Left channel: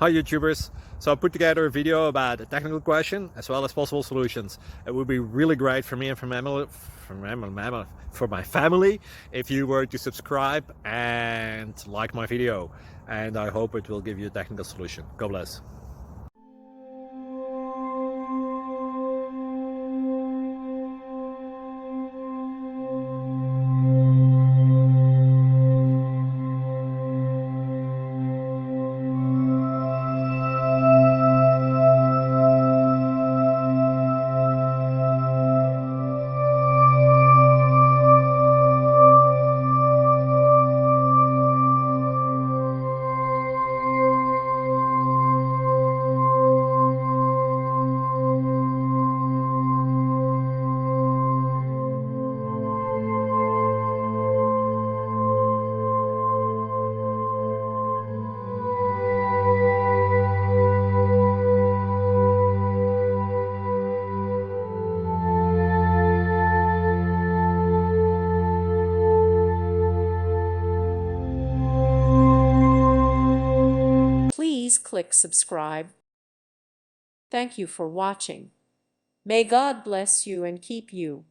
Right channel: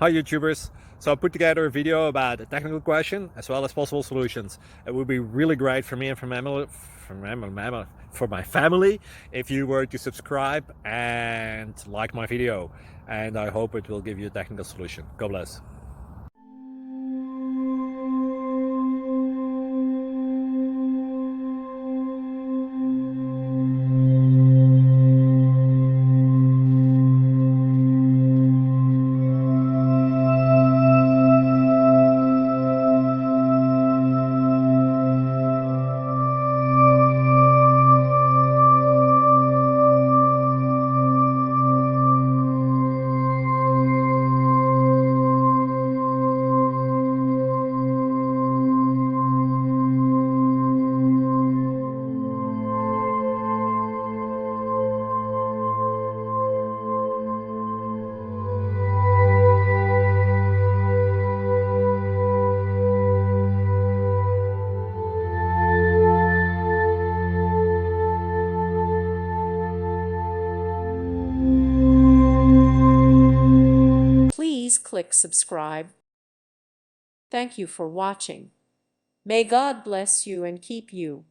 Hi YouTubers! So I put together a video about a technical question as well as possible solutions. It would be really great for me and for my family if you were to subscribe and like my video, and I hope it will give you a technical solution. God bless. Please click subscribe. Thank you for watching. May God bless you and keep you.